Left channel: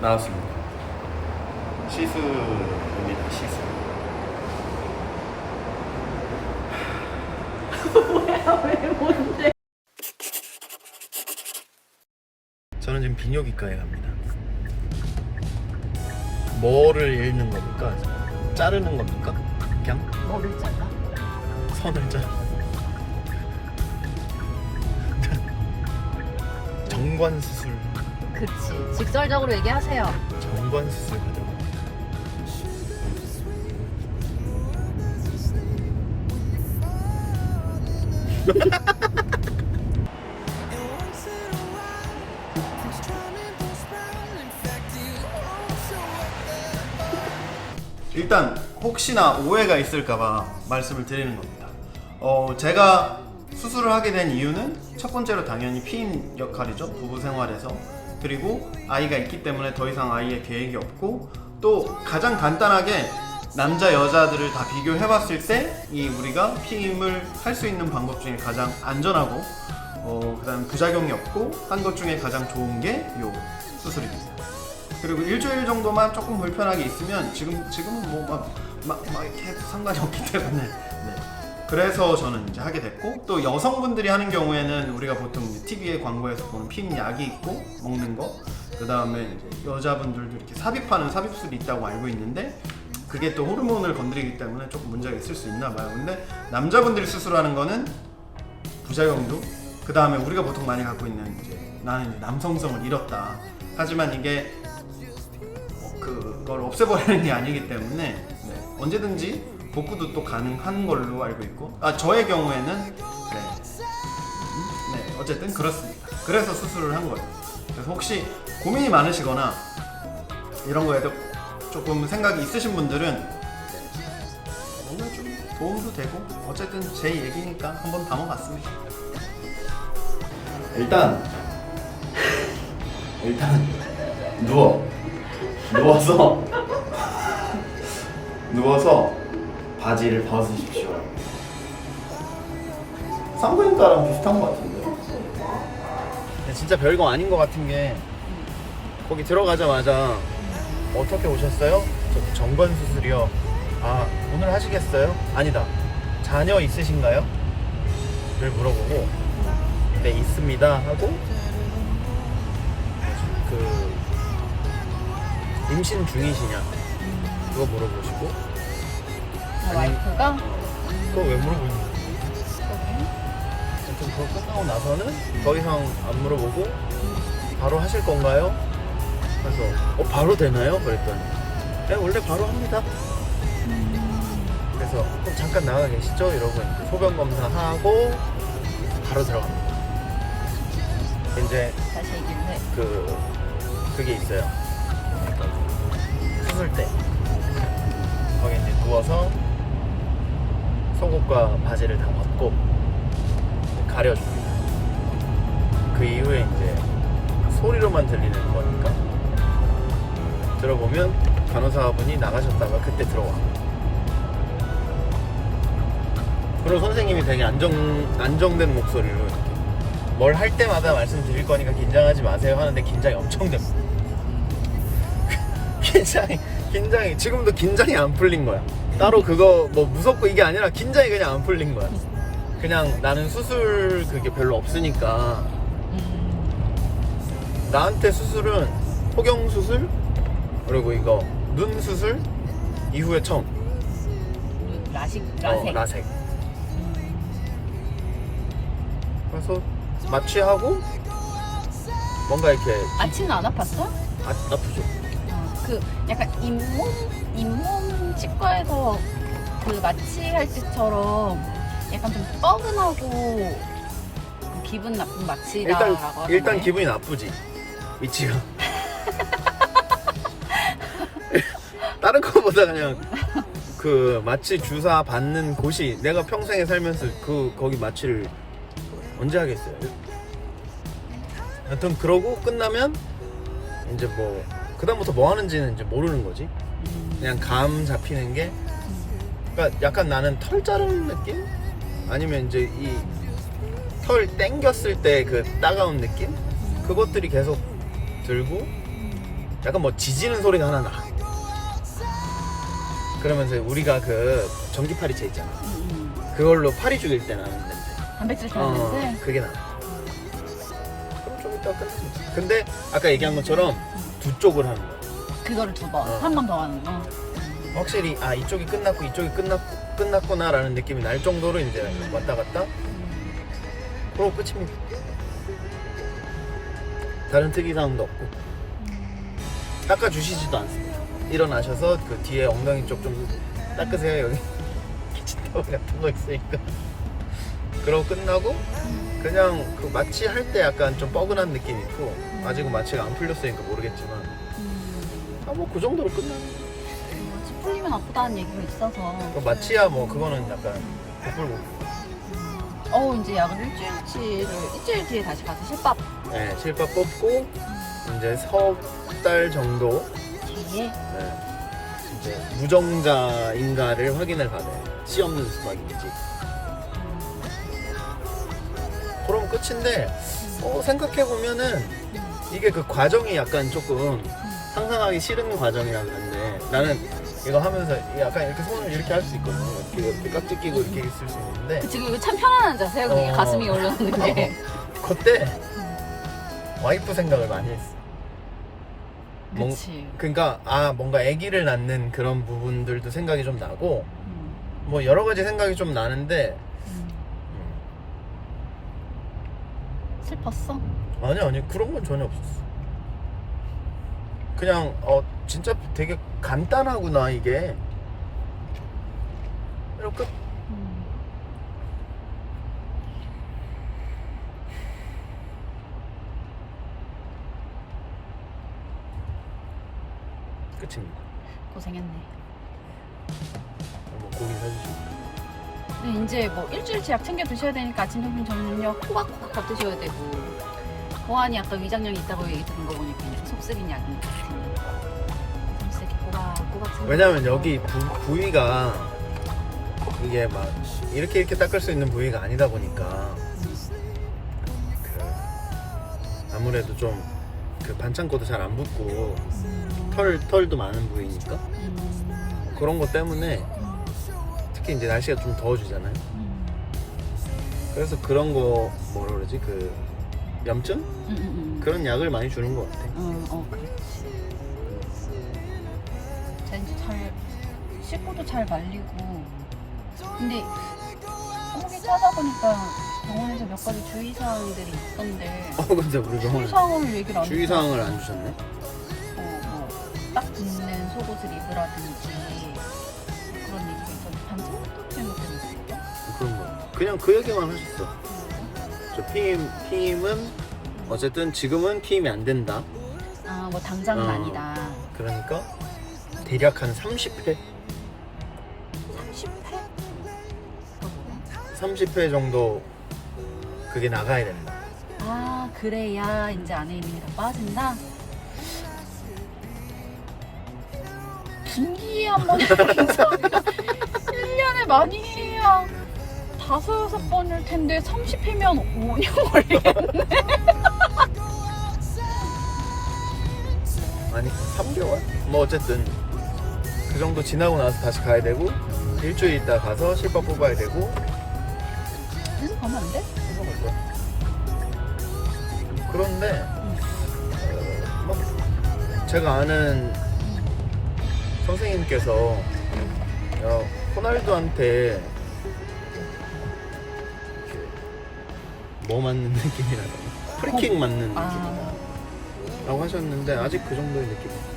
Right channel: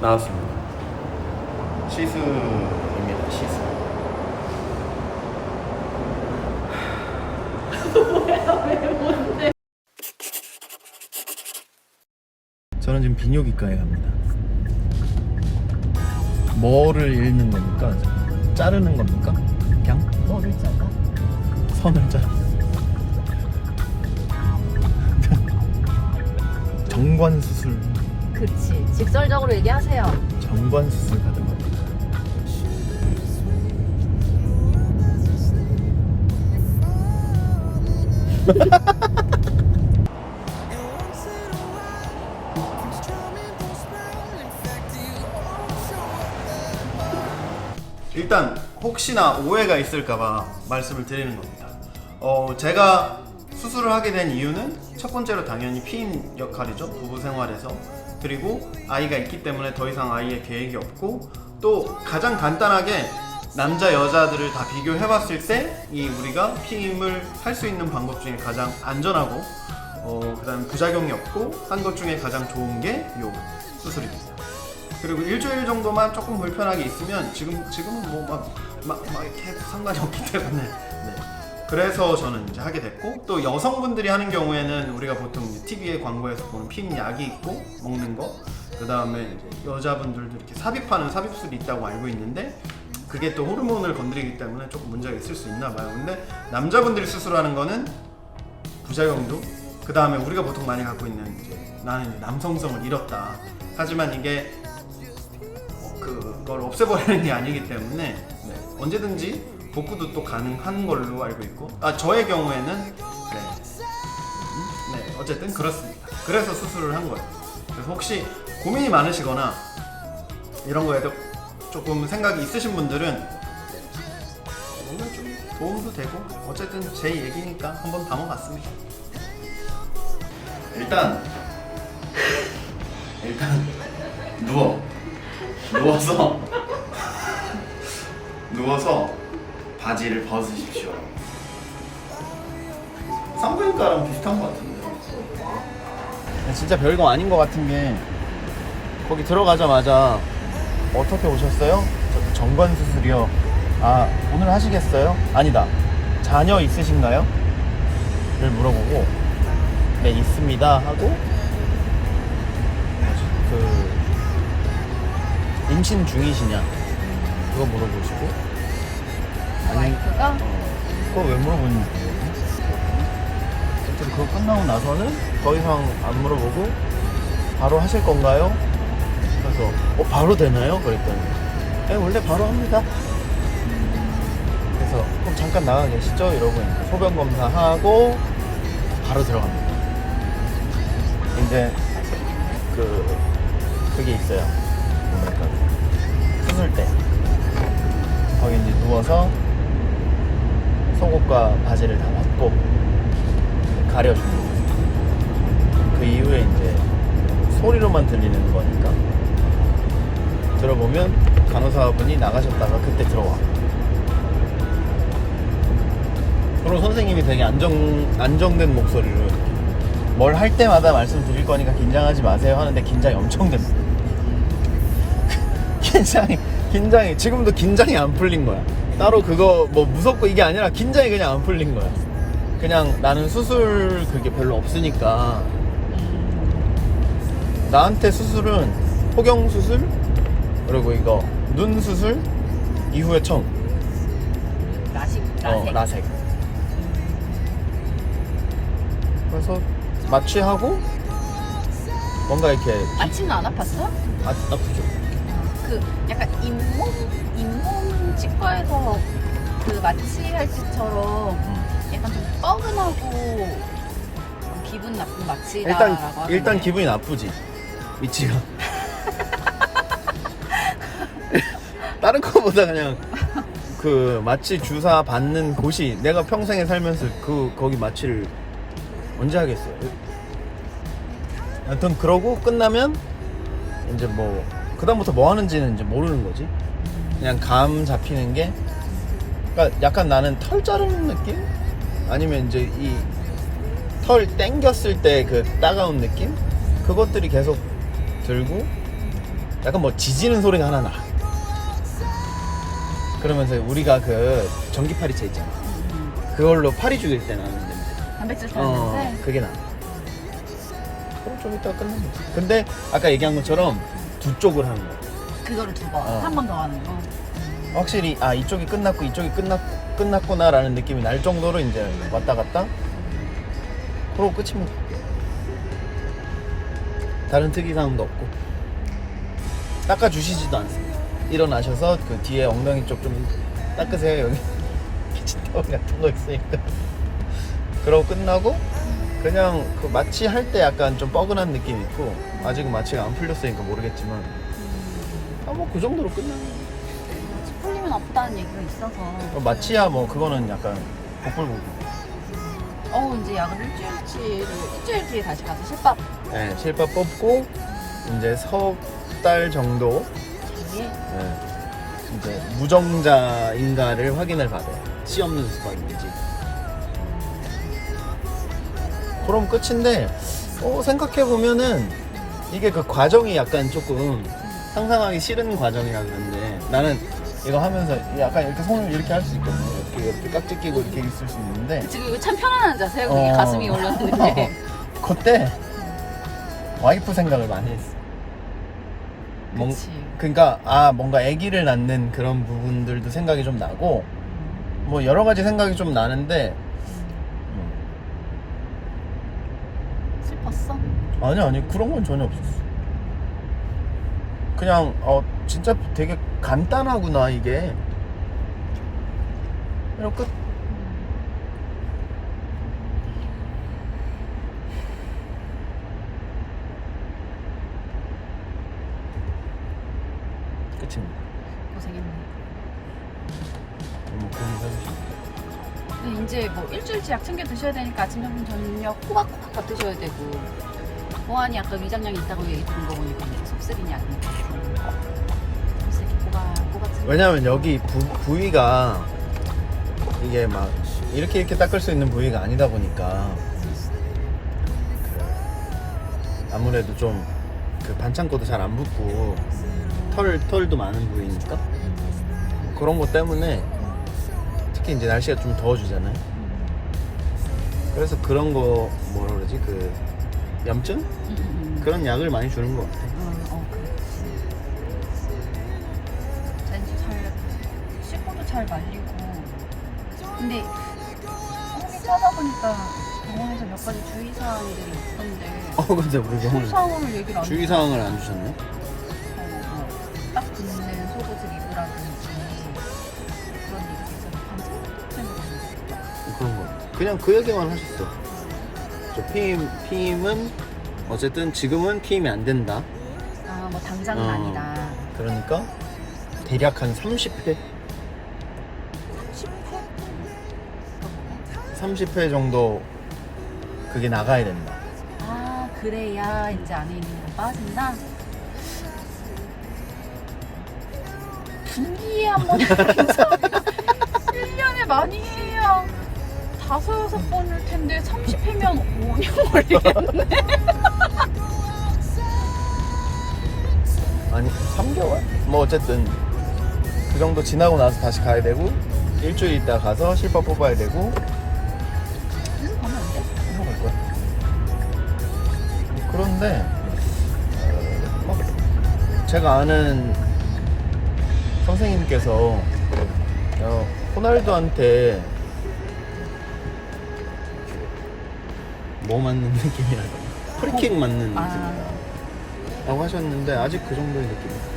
나왔습니다. 시술입니다. 시술. 저는 지금 비뇨기과에 갑니다. 뭐를 읽는 겁니까? 자르는 겁니까? 그냥 뭐를 잡아? 선을 자르. 정관 수술, 그치. 직설적으로 얘기하세요. 정관 수술 받으러 갑니다. Up there. 일단 혹시나 오해가 있을까봐 말씀을 드리는 겁니다. 어, 제가 수술을 하게 된 이유는 첫 번째로 당연히 피임 역할이죠. 부부 생활에서. 그리고 아이가 있기 때문에 더 이상 아이의 계획이 없고 또 가장 간단하게 남자 여자들을 다 비교해 봤을 때 이 우리가 피임을 할 수 있는 방법 중에 가장 안전하고 어, 그다음 부작용이 없고 한 것 중에 가장 좋은 게 요 수술입니다. 그리고 일주일 정도만 조금 불편하게 있으면 지금 지금은 뭐막막 막 이렇게 상관이 없기 때문에 네. 그래서 저는 이제 하게 됐고 또 여성분들이 하는 경우에는 우리가 보통 TV에 광고에서 보는 피임 약이 있고 먹는 거 그다음에 이제 여자분들도 이렇게 삽입하는 삽입술이 있다고 알고 있는데 그게 또 호르몬을 건드리기 때문에 조금 문제가 있을 수 있나 봐요. 근데 남자분들이 수술하는 거는 부작용도 그 다음에 우리가 보통 많이 갖고 있는 이제 나는 이제 남성성을 잃었다. 하지만 이게 어, 그걸 없애버리는 게 아니기 때문에 네, 언제든지 복구도 또 가능한 걸로 알고 있고 아 저의 경우에는 네, 음, 네 어쨌든 그렇습니다. 그래서 수술을 한 거예요. 그래서 혹시 고민이 많으시거나 이런 거에도 조금 생각이 있으신 분들은 뭔가 좀 도움도 되고 어쨌든 제 얘기니까 한번 담아봤습니다. 일단 일단 누워 누워서 누워서 바지를 벗으십시오. 산부인과랑 비슷한 것 같은데. 진짜 별거 아닌 것 같은 게 거기 들어가자마자 어떻게 오셨어요? 저 정관 수술이요. 아 오늘 하시겠어요? 아니다. 자녀 있으신가요? 를 물어보고 네 있습니다 하고 그 임신 중이시냐 그거 물어보시고 와이프가 그거 왜 물어보니? 아무튼 그거 끝나고 나서는 더 이상 안 물어보고 바로 하실 건가요? 그래서 어 바로 되나요? 그랬더니 네 원래 바로 합니다 그래서 그럼 잠깐 나가 계시죠? 이제 소변 검사하고 바로 들어갑니다 있는데. 그 그게 있어요. 수술 때 거기 누워서 바지를 다 벗고 가려주고 그 이후에 이제 소리로만 들리는 거니까 들어보면 간호사분이 나가셨다가 그때 들어와. 그리고 선생님이 되게 안정 안정된 목소리로 뭘 할 때마다 말씀드릴 거니까 긴장하지 마세요 하는데 긴장이 엄청 됩니다. 긴장이 긴장이 지금도 긴장이 안 풀린 거야. 따로 그거 뭐 무섭고 이게 아니라 긴장이 그냥 안 풀린 거야. 그냥 나는 수술 그게 별로 없으니까 나한테 수술은 포경 수술 그리고 이거 눈 수술 이후에 처음 라식, 어, 라섹. 라섹. 그래서 마취하고 뭔가 이렇게 아침은 안 아팠어? 아, 아프죠. 그 약간 잇몸? 잇몸 치과에서 그 마취할 때처럼 약간 좀 뻐근하고 그 기분 나쁜 마취라고 일단 일단 기분이 나쁘지. 위치가. 다른 거보다 그냥 그 마취 주사 받는 곳이 내가 평생에 살면서 그 거기 마취를 언제 하겠어요? 하여튼 그러고 끝나면 이제 뭐 그다음부터 뭐 하는지는 이제 모르는 거지. 그냥 감 잡히는 게 그러니까 약간 나는 털 자르는 느낌? 아니면 이제 이 털 땡겼을 때 그 따가운 느낌? 그것들이 계속 들고 약간 뭐 지지는 소리가 하나 나. 그러면서 우리가 그 전기 파리채 있잖아. 그걸로 파리 죽일 때 나는 냄새. 단백질 어, 좋아하는데 그게 나. 그럼 좀 이따 끝나면 돼. 근데 아까 얘기한 것처럼 두 쪽을 하는 거야. 그거를 두 번, 어. 한 번 더 하는 거. 확실히 아 이쪽이 끝났고 이쪽이 끝났 끝났구나라는 느낌이 날 정도로 이제 왔다 갔다. 그럼 끝입니다. 다른 특이사항도 없고 닦아 주시지도 않습니다. 일어나셔서 그 뒤에 엉덩이 쪽 좀 닦으세요 여기 피치타올 같은 거 있으니까. 그러고 끝나고 그냥 그 마취 할 때 약간 좀 뻐근한 느낌 있고 아직은 마취가 안 풀렸으니까 모르겠지만 아 뭐 그 정도로 끝나는. 풀리면 아프다는 얘기가 있어서. 마취야 뭐 그거는 약간 복불복. 어 이제 약을 일주일치 일주일 뒤에 다시 가서 실밥 네, 실밥 뽑고 이제 석 달 정도 뒤에 네, 이제 무정자인가를 확인을 받아요. 씨 없는 수박인지. 그럼 끝인데 어, 생각해 보면은 이게 그 과정이 약간 조금 상상하기 싫은 과정이라 그런데 나는 이거 하면서 약간 이렇게 손을 이렇게 할 수 있거든요. 이렇게, 이렇게 깍지 끼고 이렇게 있을 수 있는데 지금 이거 참 편안한 자세야. 그게 어. 가슴이 올랐는데. 그때 와이프 생각을 많이 했어. 뭔- 그치. 그러니까 아 뭔가 아기를 낳는 그런 부분들도 생각이 좀 나고 음, 뭐 여러 가지 생각이 좀 나는데 음. 슬펐어? 아니 아니 그런 건 전혀 없었어. 그냥 어 진짜 되게 간단하구나 이게. 끝. 끝입니다. 고생했네. 뭐 고기 사주시고. 근데 이제 뭐 일주일치 약 챙겨 드셔야 되니까 아침, 점심, 저녁 호박호박 드셔야 되고 보안이 아까 위장량이 있다고 들은 거 보니까 약이 속쓰기 왜냐면 여기 부, 부위가 이게 막 이렇게 이렇게 닦을 수 있는 부위가 아니다 보니까 아무래도 좀 그 반창고도 잘 안 붙고 털 털도 많은 부위니까? 음, 그런 것 때문에 특히 이제 날씨가 좀 더워지잖아요. 음, 그래서 그런 거 뭐라 그러지? 그 염증 음, 음, 음. 그런 약을 많이 주는 것 같아. 어, 어, 이제 잘 씻고도 잘 말리고. 근데 거기 찾아보니까 병원에서 몇 가지 주의사항들이 있던데 어 근데 우리 병원 주의사항을 얘기를 안 주의 사항을 안 주셨네. 어, 뭐딱 붙는 속옷을 입으라든지 그런 있어서 반찬 그런 거. 그냥 그 얘기만 하셨어. 저 피임 피임은 어쨌든 지금은 피임이 안 된다. 아 뭐 당장은 어. 아니다. 그러니까 대략 한 30회 30회 정도 그게 나가야 된다. 아 그래야 이제 안에 있는 게 빠진다. 분기에 한번 인터뷰가 1년에 많이 해야 다섯 여섯 번일 텐데 30회면 5년 걸리겠네. 아니 3개월? 뭐 어쨌든 그 정도 지나고 나서 다시 가야 되고 일주일 있다 가서 실밥 뽑아야 되고 응? 하면 안 돼? 그런데 막 제가 아는 선생님께서 어, 호날두한테 뭐 맞는 느낌이라고 프리킥 맞는 아. 느낌이다. 라고 하셨는데 아직 그 정도의 느낌이 없어요